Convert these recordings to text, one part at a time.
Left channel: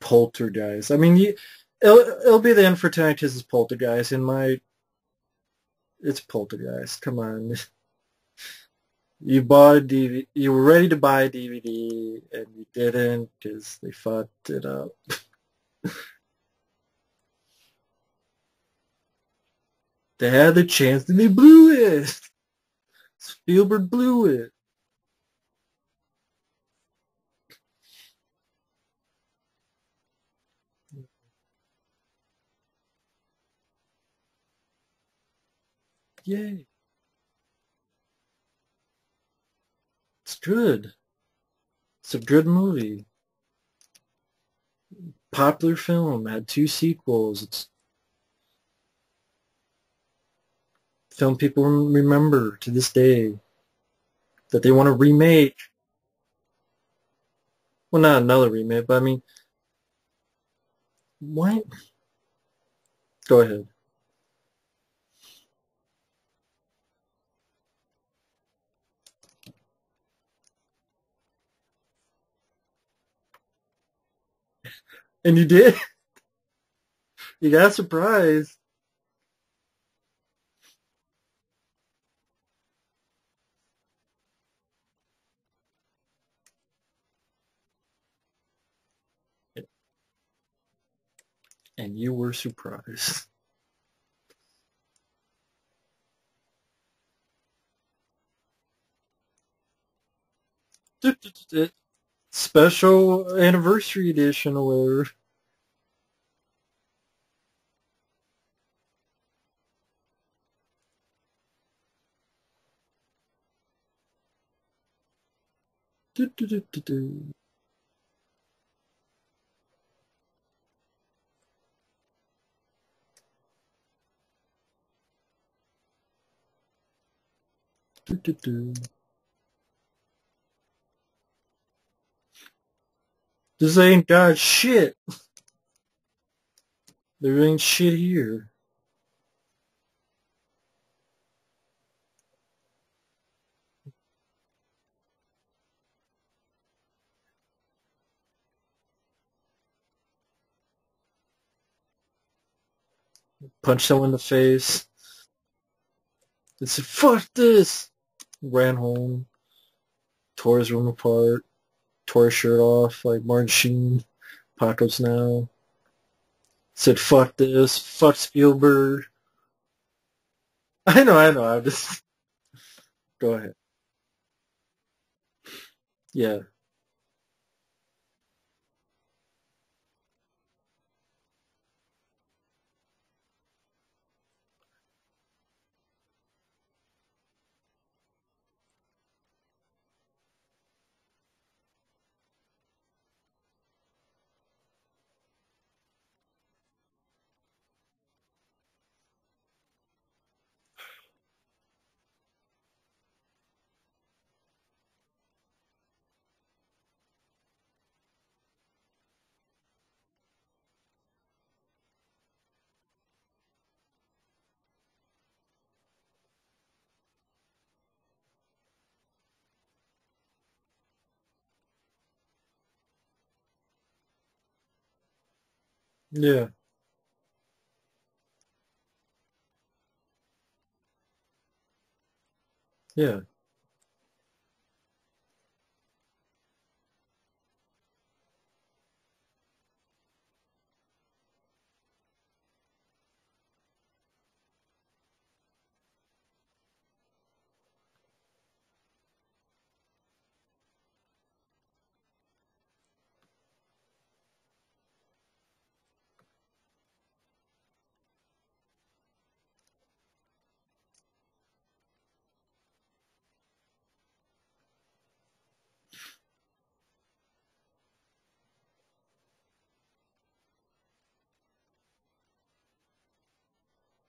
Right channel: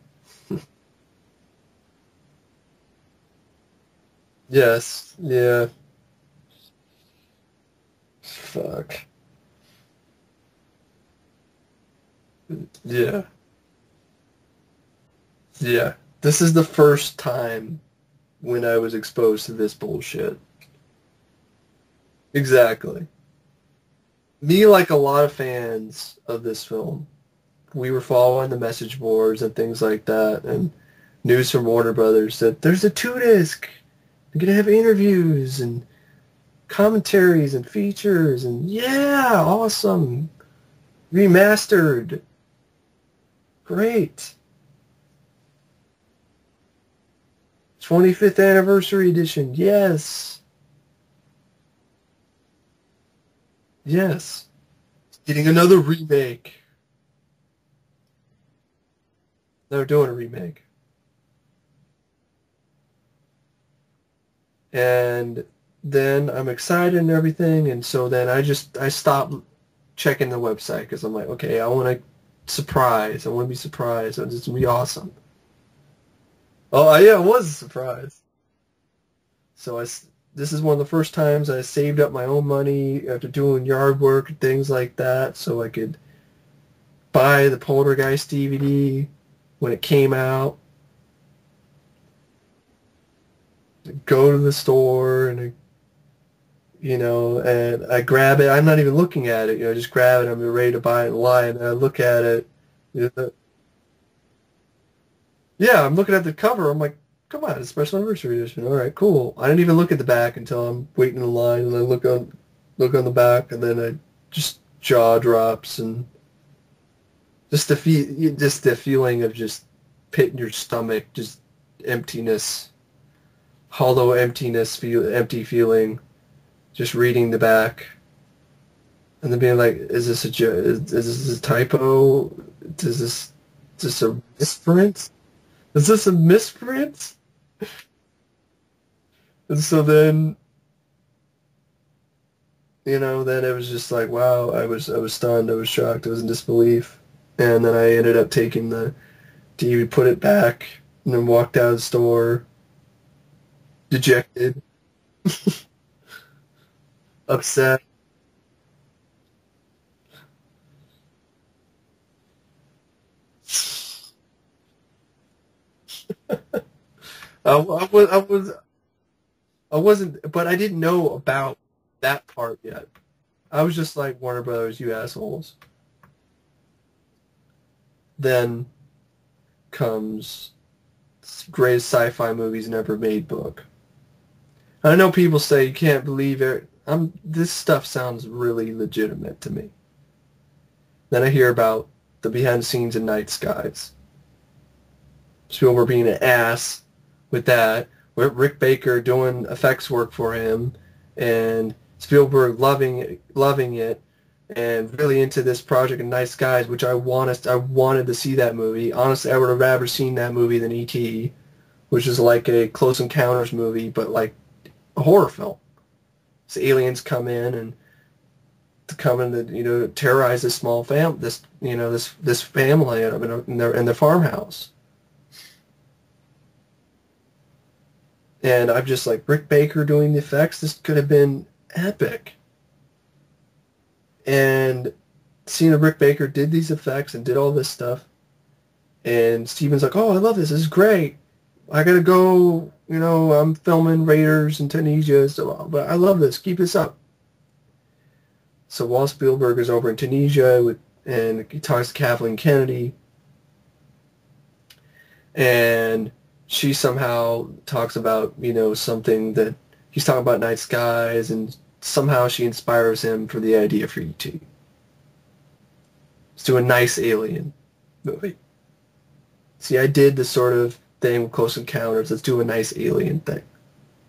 Poltergeist. I mean, it'll be the end for tonight because it's Poltergeist. In my Yes. Yeah. It's Poltergeist. Come on. Fuck. You bought a DVD. You were ready to buy a DVD and you Yeah. didn't because they fucked it up. Yeah. This is the first time when I was exposed to this bullshit. They had the chance and they blew it. Exactly. Spielberg blew it. Me, like a lot of fans of this film, we were following the message boards and things like that, and news from Warner Brothers that there's a 2-disc. They're gonna have interviews and commentaries and features and yeah, awesome. It's good. Remastered. It's a good movie. Great. Popular film. Had 2 sequels. It's 25th anniversary edition. Yes. Film people remember to this day. Yes. That they want to remake. Another remake. Well, not another remake, but I mean... They're doing a remake. What? Go ahead. And then I'm excited and everything, and so then I stopped checking the website because I'm like, okay, I want to surprise. I want to be surprised. It's going to be awesome. And you did? Oh, yeah, I was You got surprised. So this is one of the first times I saved up my own money after doing yard work and things like that so I could buy the Poltergeist DVD when it came out. And you were surprised. Go to the store and and I grab it. I'm not even looking at it. Just grab it. I'm ready to buy it live. And I look at it. Special anniversary edition or whatever. Yeah, I'm looking at the cover. I'm like, come on, it's special anniversary edition. All right, cool. I didn't even look at the back until I'm waiting in line, and I look on the back, and then I just jaw drops and just the feeling of just pit in your stomach, just emptiness, hollow emptiness, empty feeling. Just reading the back, and then being like, "Is this is this a typo? This ain't got shit. Is this a misprint? There ain't shit here." And so then, then it was just like, wow, I was stunned, I was shocked, I was in disbelief, and then I ended up taking the DVD, put it back, and then walked out of the store, punched someone in the face. I said, fuck this. Ran home. Tore his room apart. Tore his shirt off like Martin Sheen. Apocalypse Now. Said, fuck this. Fuck Spielberg. I wasn't, but I didn't know I know. That part yet. Go ahead. I was just like, Warner Brothers, you assholes. Yeah. Then comes greatest sci-fi movies never made book. I know people say you can't believe it. This stuff sounds really legitimate to me. Then I hear about the behind the scenes in Night Skies. Spielberg being an ass with that. With Rick Baker doing effects work for him. And Spielberg loving it. And really into this project in Night Skies, which I wanted to see that movie. Honestly, I would have rather seen that movie than E.T., which is like a Close Encounters movie, but like a horror film. So aliens come in and terrorize this small this family in their farmhouse. Yeah. And I'm just like, Rick Baker doing the effects. This could have been epic. Yeah. And seeing that Rick Baker did these effects and did all this stuff, and Steven's like, oh, I love this. This is great. I gotta go, I'm filming Raiders in Tunisia, but I love this. Keep this up. So while Spielberg is over in Tunisia and he talks to Kathleen Kennedy, and she somehow talks about, something that he's talking about Night Skies, and somehow she inspires him for the idea for E.T. Let's do a nice alien movie. See, I did the sort of thing with Close Encounters. Let's do a nice alien thing.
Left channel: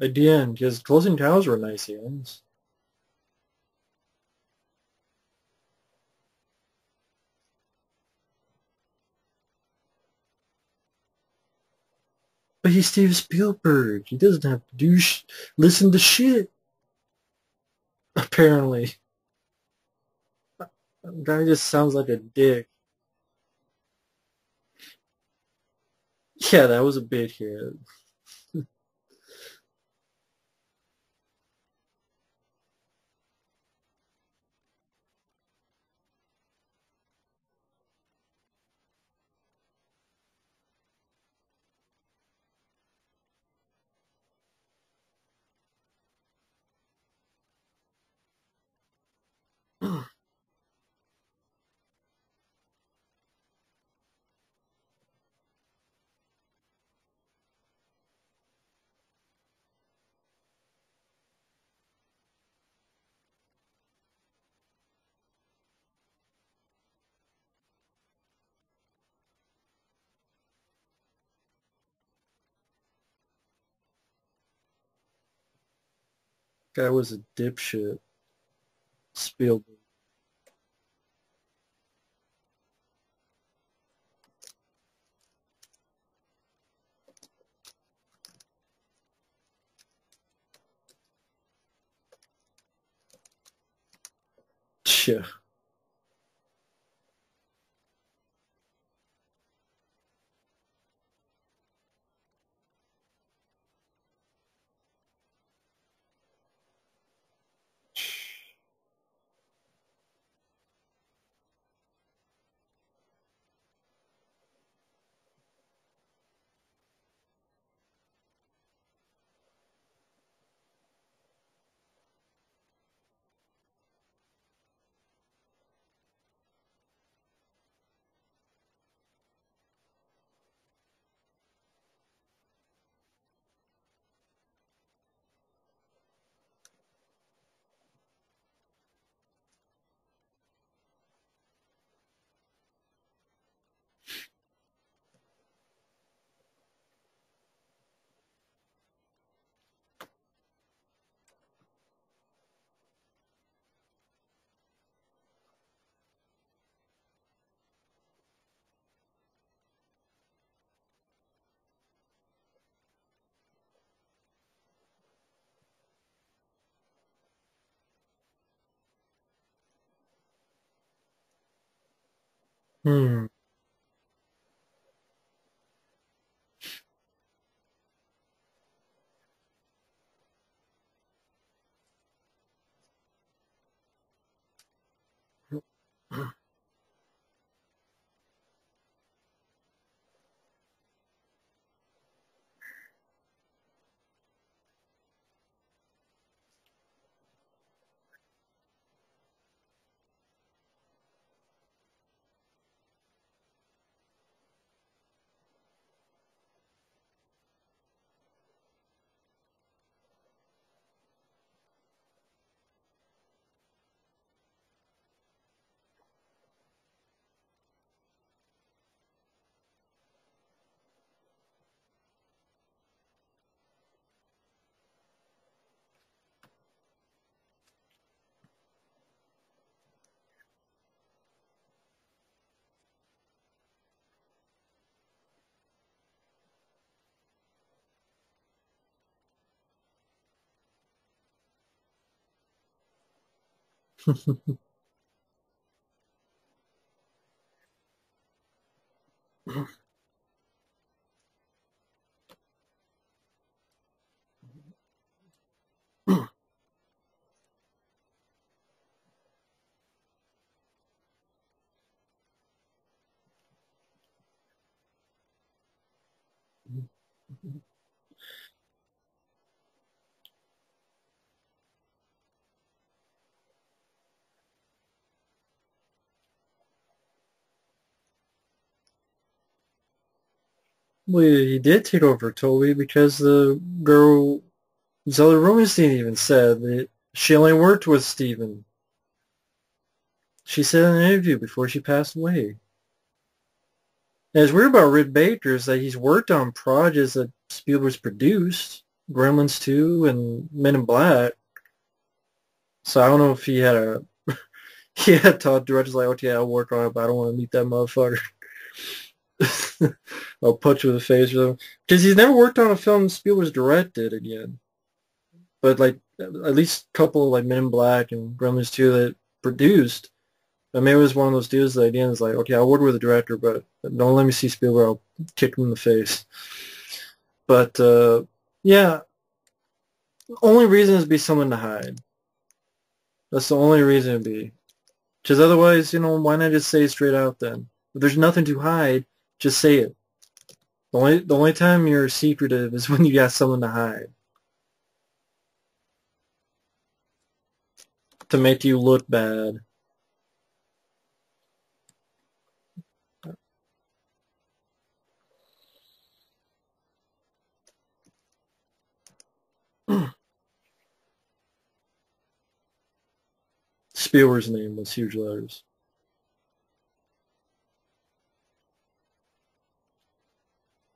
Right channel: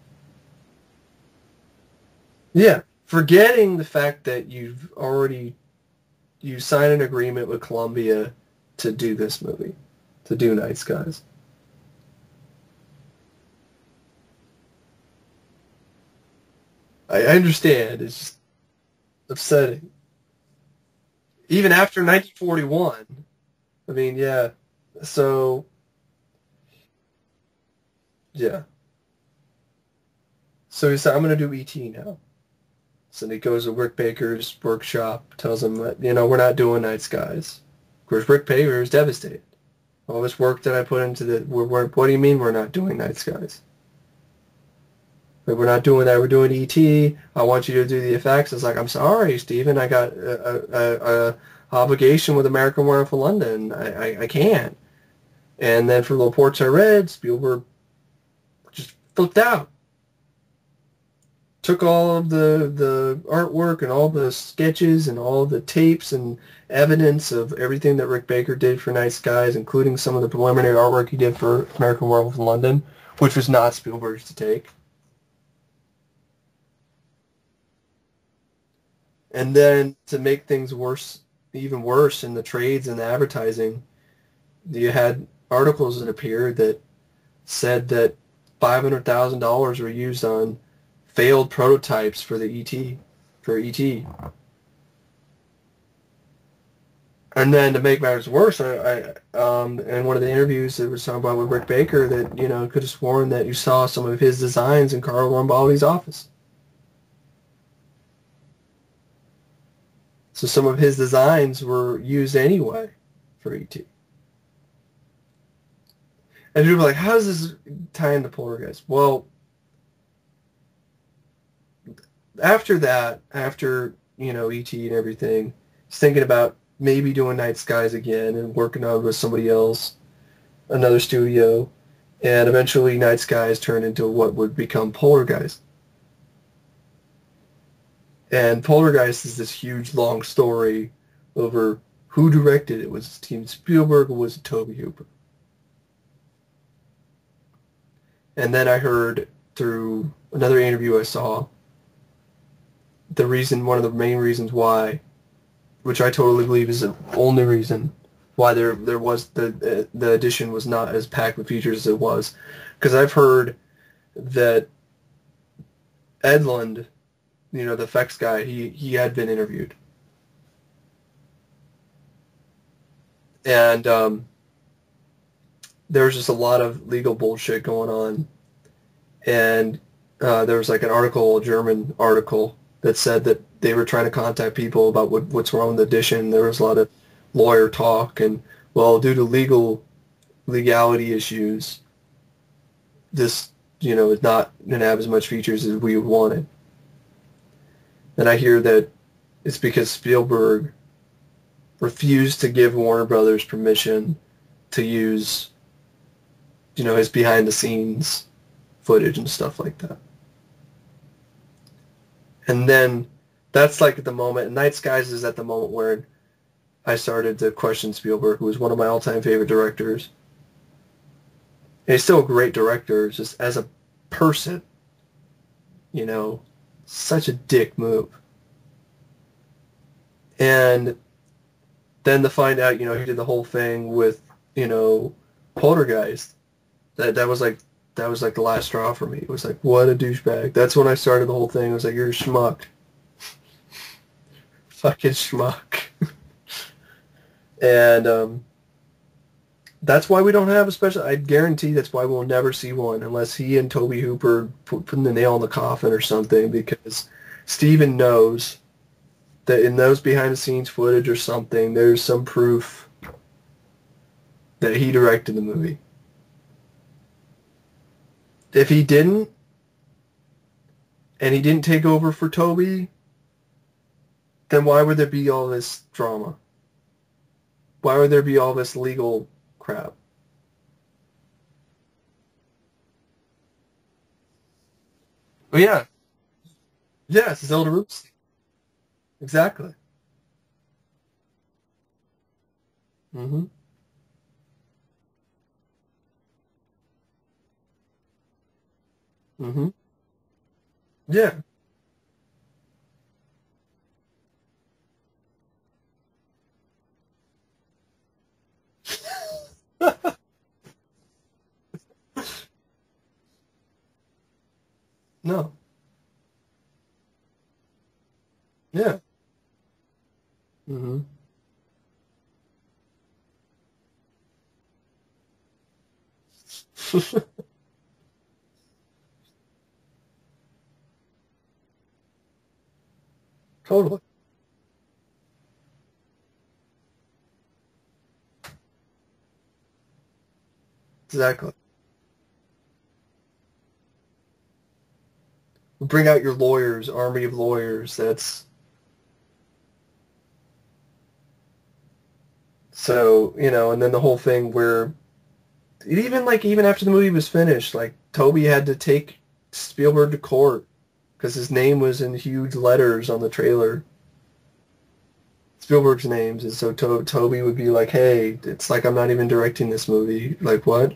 At the end, because Close Encounters were nice aliens. Yeah. Forgetting the fact that you signed an agreement with Columbia to do this movie, to do Night Skies. But he's Steven Spielberg. He doesn't have to listen to shit. I understand. It's apparently upsetting. Even after 1941. I mean, yeah. So, Yeah, that was a bit here. yeah. So he said, I'm going to do E.T. now. So he goes to Rick Baker's workshop, tells him that, we're not doing Night Skies. Of course, Rick Baker is devastated. All this work that I put into what do you mean we're not doing Night Skies? Like, we're not doing that. We're doing E.T. I want you to do the effects. It's like, I'm sorry, Steven. I got a obligation with American Werewolf in London. I can't. And then for the reports I read, Spielberg just flipped out. Took all of the artwork and all the sketches and all the tapes and evidence of everything that Rick Baker did for Night Skies, including some of the preliminary artwork he did for American Werewolf in London, which was not Spielberg's to take. Guy was a dipshit. And then to make things worse, even worse in the trades and the advertising, you had articles that appeared that said that $500,000 were used on failed prototypes for E.T. Yeah. And then to make matters worse, I in one of the interviews that was talking about with Rick Baker that, could have sworn that you saw some of his designs in Carlo Rambaldi's office. So some of his designs were used anyway for E.T. And people were like, how does this tie into Poltergeist? Well, after that, E.T. and everything, he's thinking about maybe doing Night Skies again and working on it with somebody else, another studio, and eventually Night Skies turned into what would become Poltergeist. And Poltergeist is this huge, long story over who directed it. Was it Steven Spielberg or was it Tobe Hooper? And then I heard through another interview I saw one of the main reasons why, which I totally believe is the only reason why there was the edition was not as packed with features as it was, because I've heard that Edlund, the effects guy, he had been interviewed. And there was just a lot of legal bullshit going on. And there was like a German article, that said that they were trying to contact people about what's wrong with the edition. There was a lot of lawyer talk, and, well, due to legality issues, this, is not going to have as much features as we wanted. And I hear that it's because Spielberg refused to give Warner Brothers permission to use, his behind-the-scenes footage and stuff like that. And then that's like at the moment, and Night Skies is at the moment where I started to question Spielberg, who was one of my all-time favorite directors. And he's still a great director, just as a person, such a dick move. And then to find out, he did the whole thing with, Poltergeist. That was like the last straw for me. It was like, what a douchebag. That's when I started the whole thing. It was like, you're a schmuck. Fucking schmuck. And that's why we don't have a special... I guarantee that's why we'll never see one unless he and Tobe Hooper put the nail in the coffin or something, because Steven knows that in those behind-the-scenes footage or something, there's some proof that he directed the movie. If he didn't, and he didn't take over for Toby, then why would there be all this drama? Why would there be all this legal crap? Well, he did take over Toby because the girl, Zella Rosenstein, even said that she only worked with Steven. Exactly. She said in an interview before she passed away. Mm-hmm. And it's weird about Rick Baker is that he's worked on projects that Spielberg's produced, Gremlins 2 and Men in Black. Yeah. So I don't know if he had taught directors like, okay, I'll work on it, but I don't want to meet that motherfucker. I'll punch you in the face with him. Because he's never worked on a film Spielberg's directed again. No. But like at least a couple like Men in Black and Gremlins 2 that produced. I mean, it was one of those deals that at the end is like, okay, I'll work with the director, but don't let me see Spielberg. I'll kick him in the face. But, yeah, only reason is to be someone to hide. That's the only reason it'd be. Because otherwise, why not just say it straight out then? If there's nothing to hide, just say it. The only time you're secretive is when you got someone to hide. Bring out your lawyers, army of lawyers. That's to make you look bad. So, and then the whole thing where even after the movie was finished, like Toby had to take Spielberg to court because his name was in huge letters on the trailer. Spielberg's name was huge letters. Spielberg's names, and so Toby would be like, "Hey, it's like I'm not even directing this movie. Like what?"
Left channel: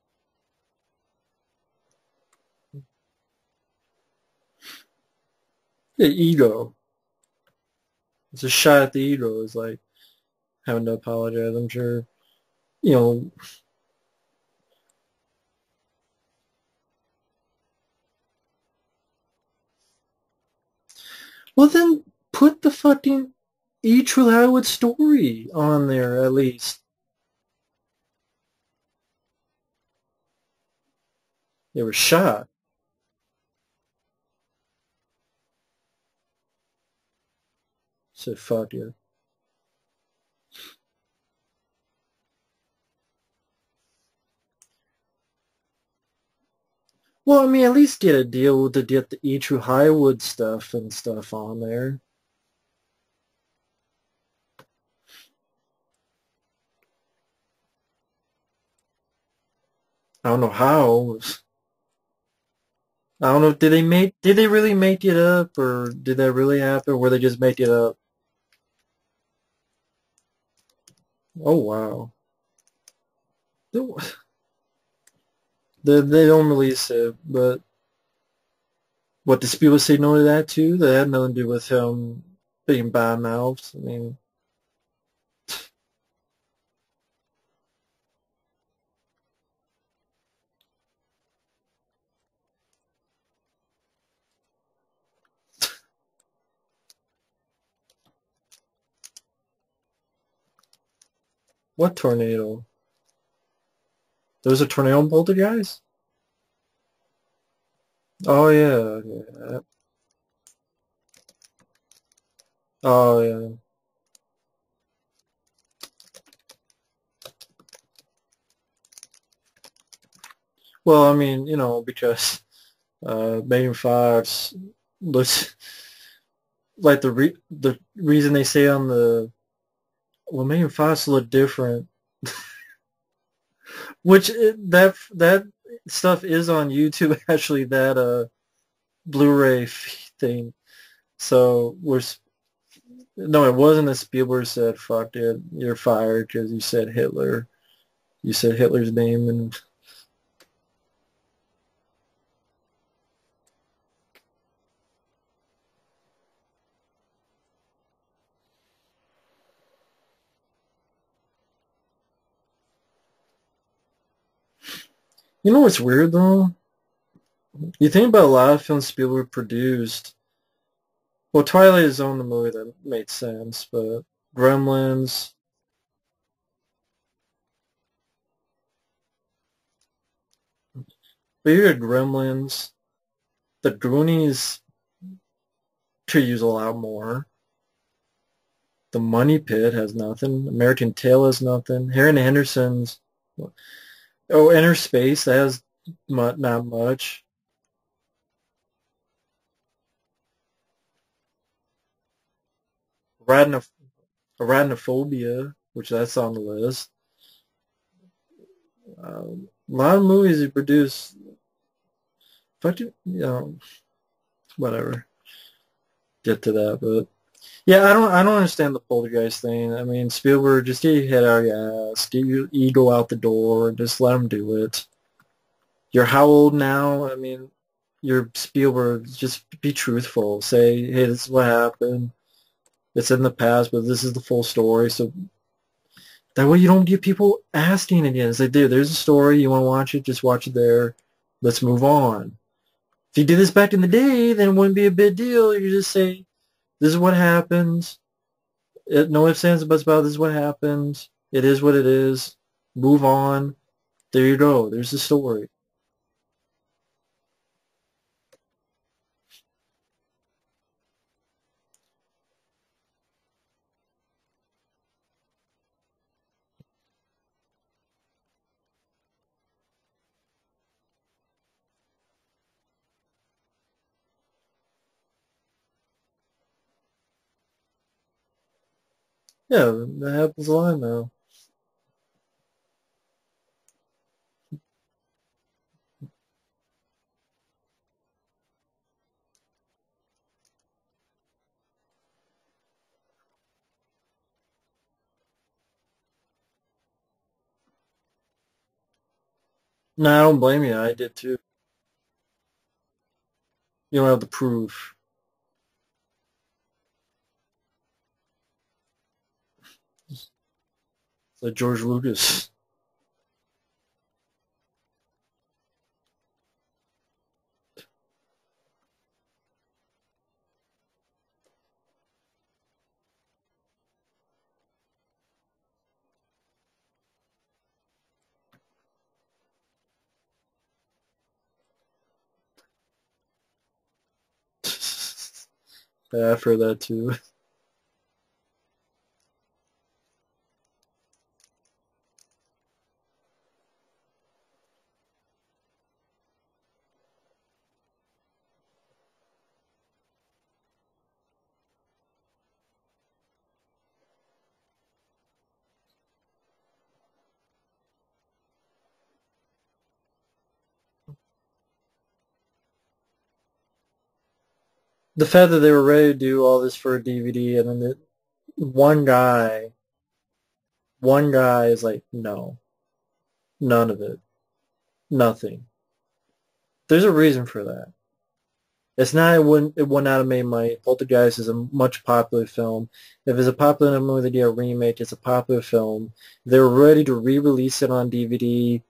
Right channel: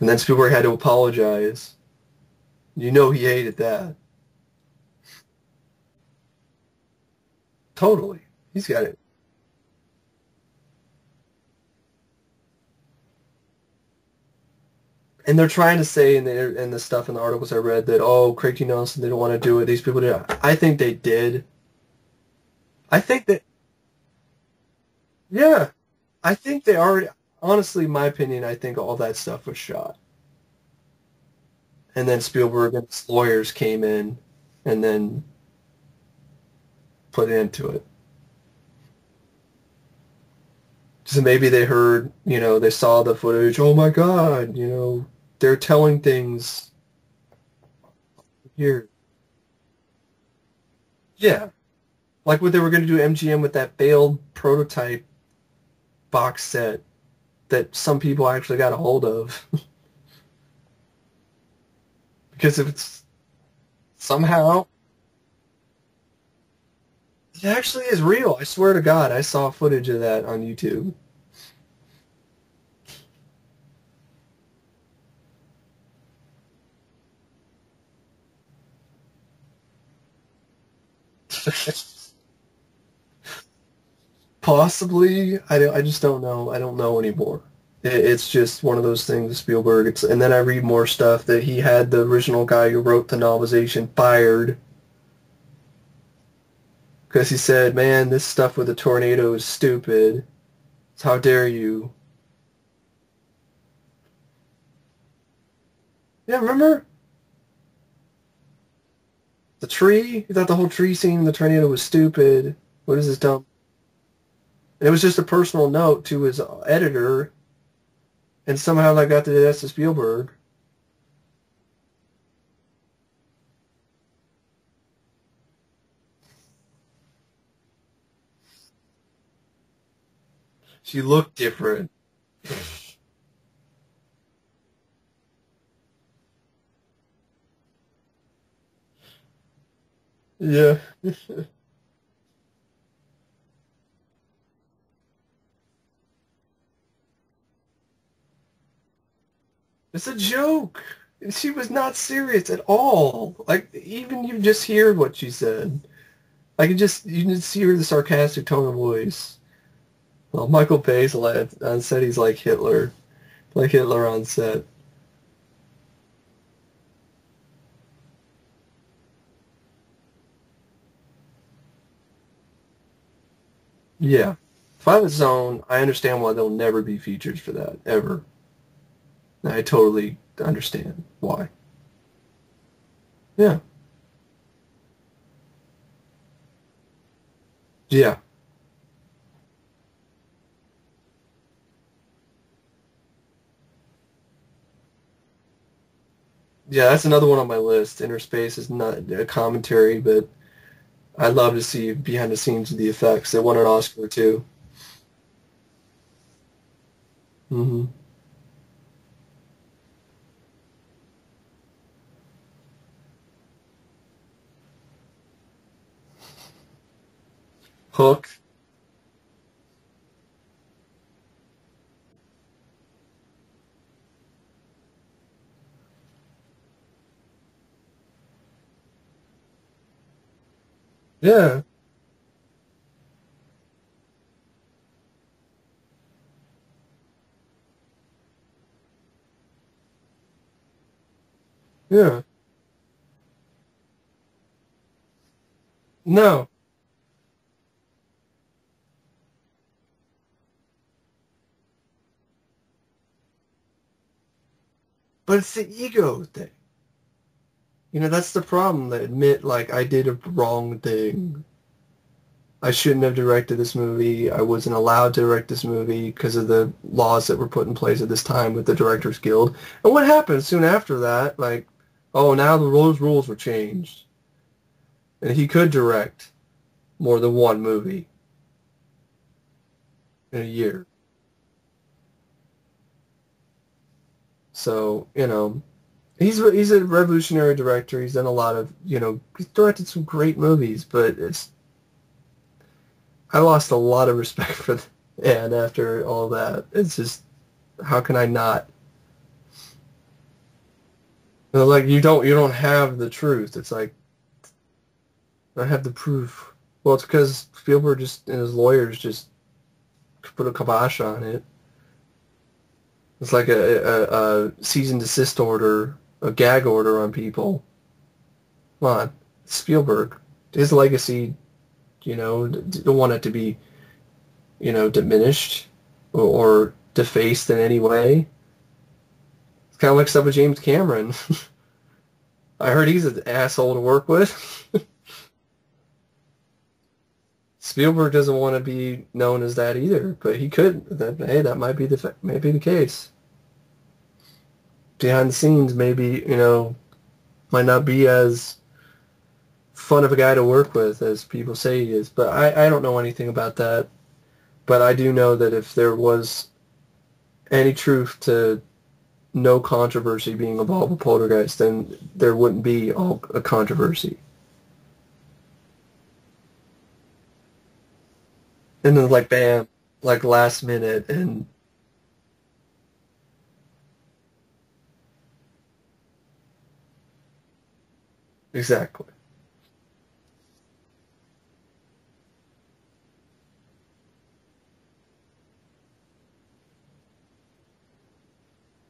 And then Spielberg had to apologize. He hated that. The ego. Totally. It's a shot at the ego. It's like having to apologize, I'm sure. And they're trying to say in the stuff in the articles I read that, Craig T. Nelson didn't want to do it. These people did. I think they did. Well, then put the fucking True Hollywood story on there at least. I think they already... Honestly, my opinion, I think all that stuff was shot. They were shot. Then Spielberg and his lawyers came in and then put an end to it. So fuck you. So maybe they heard, they saw the footage. Oh my God, they're telling things. Well, I mean, at least get a deal to get the True Hollywood stuff and stuff on there. Like what they were going to do MGM with that failed prototype box set that some people actually got a hold of. I don't know how. Because if it's... I don't know. Did they really make it up, or did that really happen? Where they just make it up? It actually is real. I swear to God, I saw footage of that on YouTube. Oh wow. They don't release it, but what does people say no to that too? That had nothing to do with being bad mouthed. I mean, possibly. I just don't know. I don't know anymore. It's just one of those things with Spielberg. And then I read more stuff that he had the original guy who wrote the novelization fired because he said, "Man, this stuff with the tornado is stupid. So how dare you?" What tornado? There was a tornado in Poltergeist? Yeah, remember? Oh yeah. The tree. He thought the whole tree scene in the tornado was stupid. It was dumb. And it was just a personal note to his editor. And somehow I got that's to Spielberg. Well, I mean, because Megan Fox looks like the reason they say on the Megan Fox looked different. Which that stuff is on YouTube actually. That Blu-ray thing. Yeah. So no, it wasn't that Spielberg said, "Fuck it, you're fired" because you said Hitler. You said Hitler's name, and it's a joke. She was not serious at all. Like, even you just hear what she said. Like, you just hear the sarcastic tone of voice. Well, Michael Bay's on set, he's like Hitler. Like Hitler on set. You know what's weird, though? You think about a lot of films Spielberg produced. Well, Twilight Zone, the movie, that made sense, but yeah, Gremlins. Twilight Zone, I understand why there'll never be features for that, ever. I totally understand why. But you had Gremlins. Yeah. The Goonies could use a lot more. Yeah. The Money Pit has nothing. American Tail has nothing. Harry Henderson's... Inner Space, that has not much. Yeah, that's another one on my list. Inner Space is not a commentary, but... I'd love to see behind the scenes of the effects. They won an Oscar too. Arachnophobia, which that's on the list. Mm-hmm. A lot of movies he produced. But whatever. Get to that, but yeah, I don't understand the Poltergeist thing. I mean, Spielberg, just get your head out of your ass, get your ego out the door, and just let him do it. You're how old now? I mean, you're Spielberg. Just be truthful. Say, hey, this is what happened. It's in the past, but this is the full story. So that way you don't get people asking again. It's like, dude, there's a story. You want to watch it? Just watch it there. Let's move on. If you did this back in the day, then it wouldn't be a big deal. You just say, no. This is what happens. No ifs, ands, or buts about it. This is what happens. It is what it is. Move on. There you go. There's the story. But it's the ego thing. You know, that's the problem. They admit, like, I did a wrong thing. I shouldn't have directed this movie. I wasn't allowed to direct this movie because of the laws that were put in place at this time with the Directors Guild. And what happened soon after that? Like, oh, now the rules were changed. And he could direct more than one movie. Yeah, that happens a lot now. So, you know, he's a revolutionary director. He's done a lot of, you know, he's directed some great movies, but I lost a lot of respect for the man after all that. It's just, how can I not? No, I don't blame you. I did too. Like, you don't have the truth. It's like, you don't have the proof. I have the proof. Well, it's because Spielberg and his lawyers just put a kibosh on it. Like George Lucas. It's like a cease and desist order, a gag order on people. Come on, Spielberg. His legacy, you know, don't want it to be, you know, diminished or defaced in any way. It's kind of like stuff with James Cameron. I heard he's an asshole to work with. Yeah, I've heard that too. Spielberg doesn't want to be known as that either, but he could. Hey, that might be the case. Behind the scenes, maybe, you know, might not be as fun of a guy to work with as people say he is. But I don't know anything about that. But I do know that if there was any truth to no controversy being involved with Poltergeist, then there wouldn't be a controversy. The fact that they were ready to do all this for a DVD, and then one guy, like, bam, like last minute, one guy is like, no, none of it, nothing. There's a reason for that. Exactly. It's not it would not have made money. Poltergeist is a much popular film. If it's a popular movie, they do a remake. It's a popular film. They were ready to re-release it on DVD.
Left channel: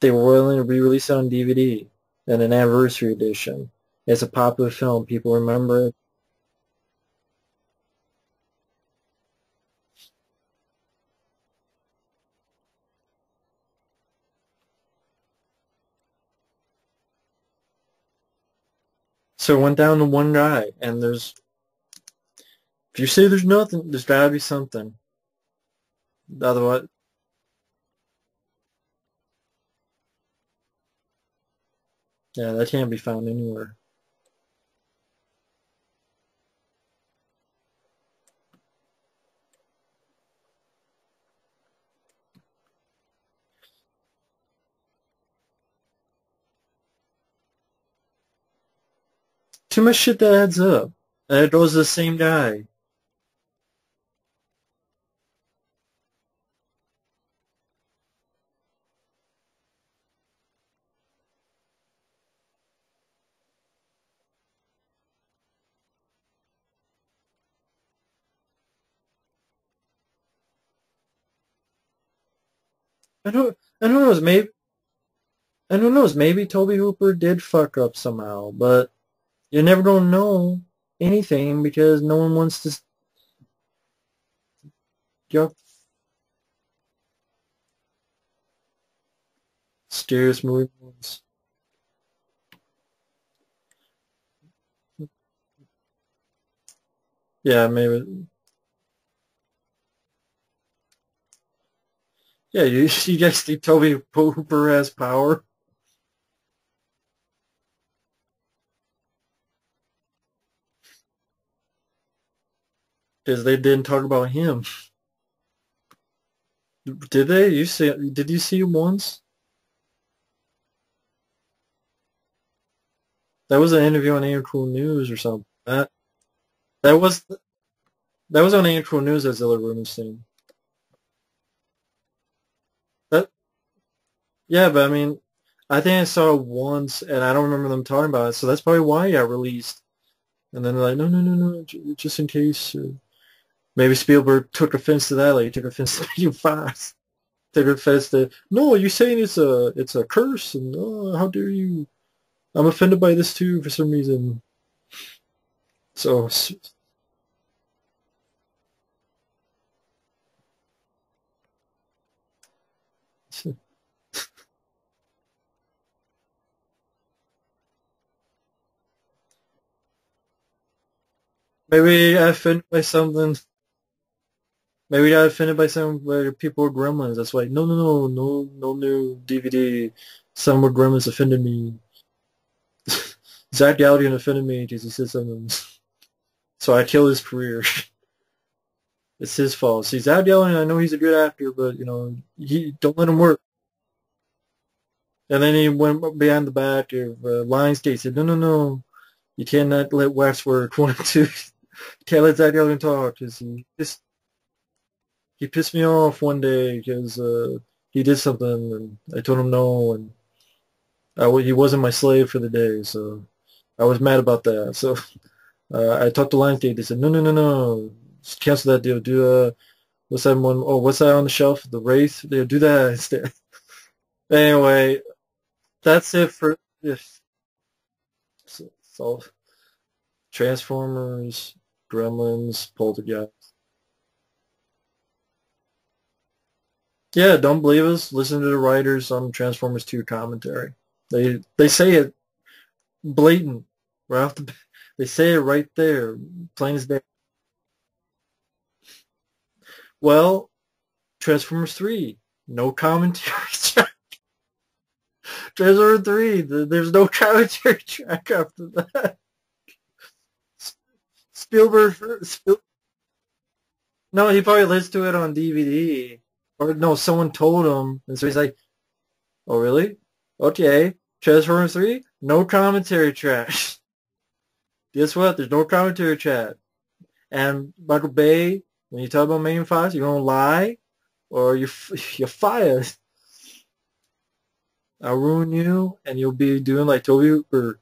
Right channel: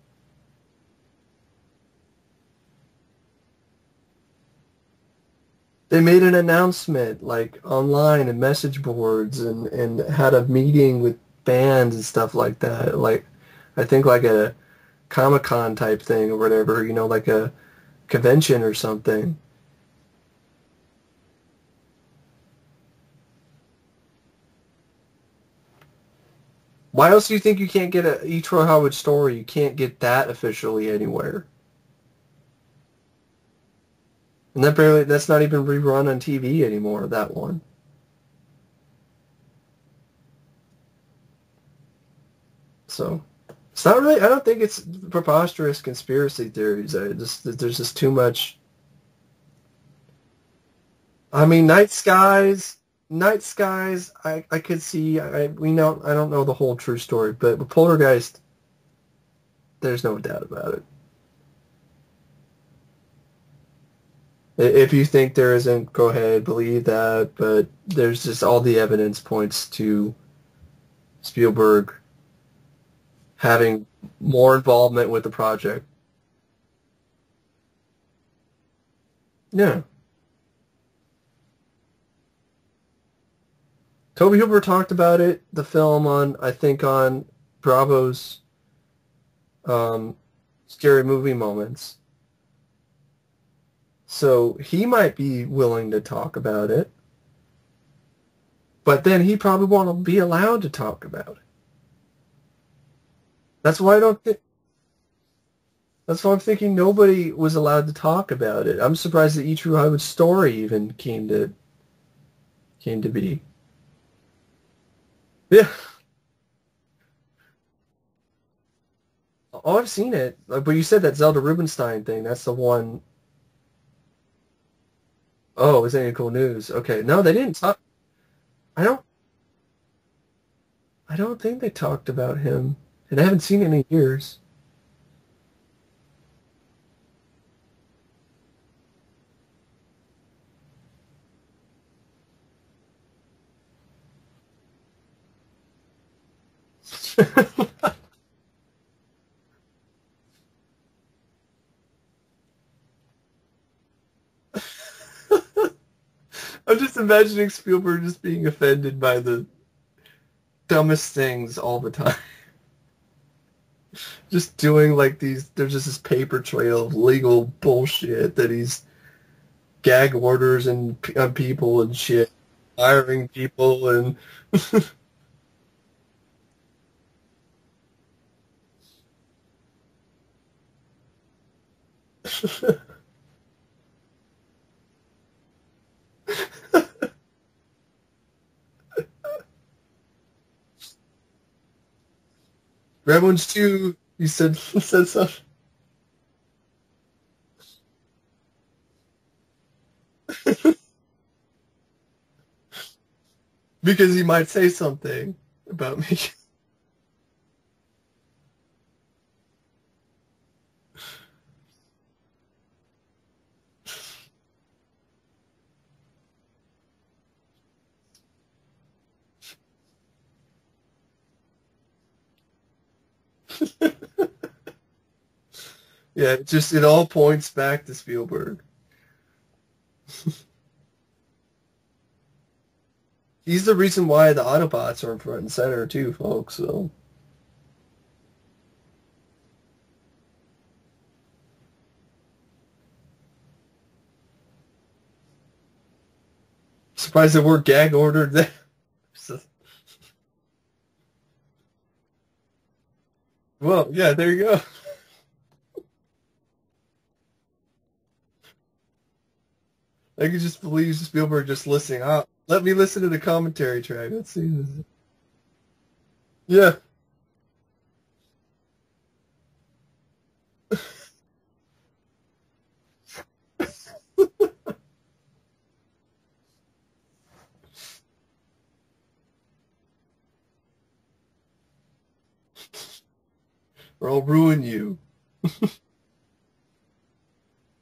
They were willing to re-release it on DVD in an anniversary edition. It's a popular film. People remember it. They made an announcement, like, online and message boards and had a meeting with bands and stuff like that. Like, I think like a Comic-Con type thing or whatever, you know, like a convention or something. So it went down to one guy, and if you say there's nothing, there's got to be something. Otherwise, why else do you think you can't get a E. Troy Howard story? You can't get that officially anywhere. Yeah, that can't be found anywhere. And that's not even rerun on TV anymore, that one. So, it's not really, I don't think it's preposterous conspiracy theories. There's just too much shit that adds up. I mean, Night Skies, I could see, I don't know the whole true story, but with Poltergeist, there's no doubt about it. If you think there isn't, go ahead, believe that, but there's just all the evidence points to Spielberg having more involvement with the project. I don't know, maybe Tobe Hooper did fuck up somehow, but you're never going to know anything because no one wants to... Tobe Hooper talked about it, the film on Bravo's Scary Movie Moments. So he might be willing to talk about it. Yeah, maybe. But then he probably won't be allowed to talk about it. Yeah, you guys think Tobe Hooper has power? That's why I'm thinking nobody was allowed to talk about it. I'm surprised that E. True Hollywood story even came to be. Because they didn't talk about him. Yeah. Did they? Did you see him once? Oh, I've seen it. But you said that Zelda Rubinstein thing. That's the one. That was an interview on Ain't Cool News or something. Oh, it was Ain't Cool News. Okay. No, they didn't talk. That was on Ain't Cool News as Zelda Rubinstein. I don't think they talked about him. I haven't seen it in years. Yeah, but I mean, I think I saw it once, and I don't remember them talking about it, so that's probably why it got released. And then they're like, no, just in case. Maybe Spielberg took offense to that, like he took offense to being fast. Took offense to, no, you're saying it's a curse, and how dare you? I'm offended by this too for some reason. So I'm just imagining Spielberg just being offended by the dumbest things all the time. Just doing like these, there's just this paper trail of legal bullshit that he's gag orders and on people maybe and I shit, offended by firing someone. people and Maybe I offended by some where people were gremlins. That's why no new DVD. Some were gremlins offended me. Zach Galligan offended me because he said something. So I killed his career. It's his fault. See, Zach Galligan, I know he's a good actor, but he don't let him work. Gremlins 2, he said something. And then he went behind the back of Lionsgate. Said, no, you cannot let Wes work. 1 and 2. You can't let Zach Galligan talk Because he might say something. He pissed me off one day because he did something, and I told him no, and he wasn't my slave for the day, so I was mad about that. So I talked to Lionsgate. They said, no, just cancel that deal. Do what's that one? Oh, what's that on the shelf? The Wraith. They'll do that instead. Anyway, that's it. It all points back to Spielberg. It's all Transformers, Gremlins, Poltergeist. He's the reason why the Autobots are in front and center too, folks. So yeah, don't believe us. Listen to the writers on Transformers 2 commentary. They say it blatant right off the. They say it right there, plain as day. Surprised that we're gag ordered there. Well, Transformers 3, no commentary. Well, yeah, there you go. Transformers 3, there's no commentary track after that. I could just believe Spielberg just listening. Let me listen to the commentary track. No, he probably listened to it on DVD. Yeah. Or, no, someone told him, and so he's like, "Oh, really? Okay, Transformers 3, no commentary track." Guess what? There's no commentary track. And Michael Bay, when you talk about Megan Fox, you're gonna lie, or you're fired. Or I'll ruin you. I'll ruin you, and you'll be doing like Toby, or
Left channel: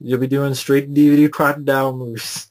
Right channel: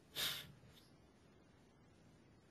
you'll be doing straight DVD crocodile movies.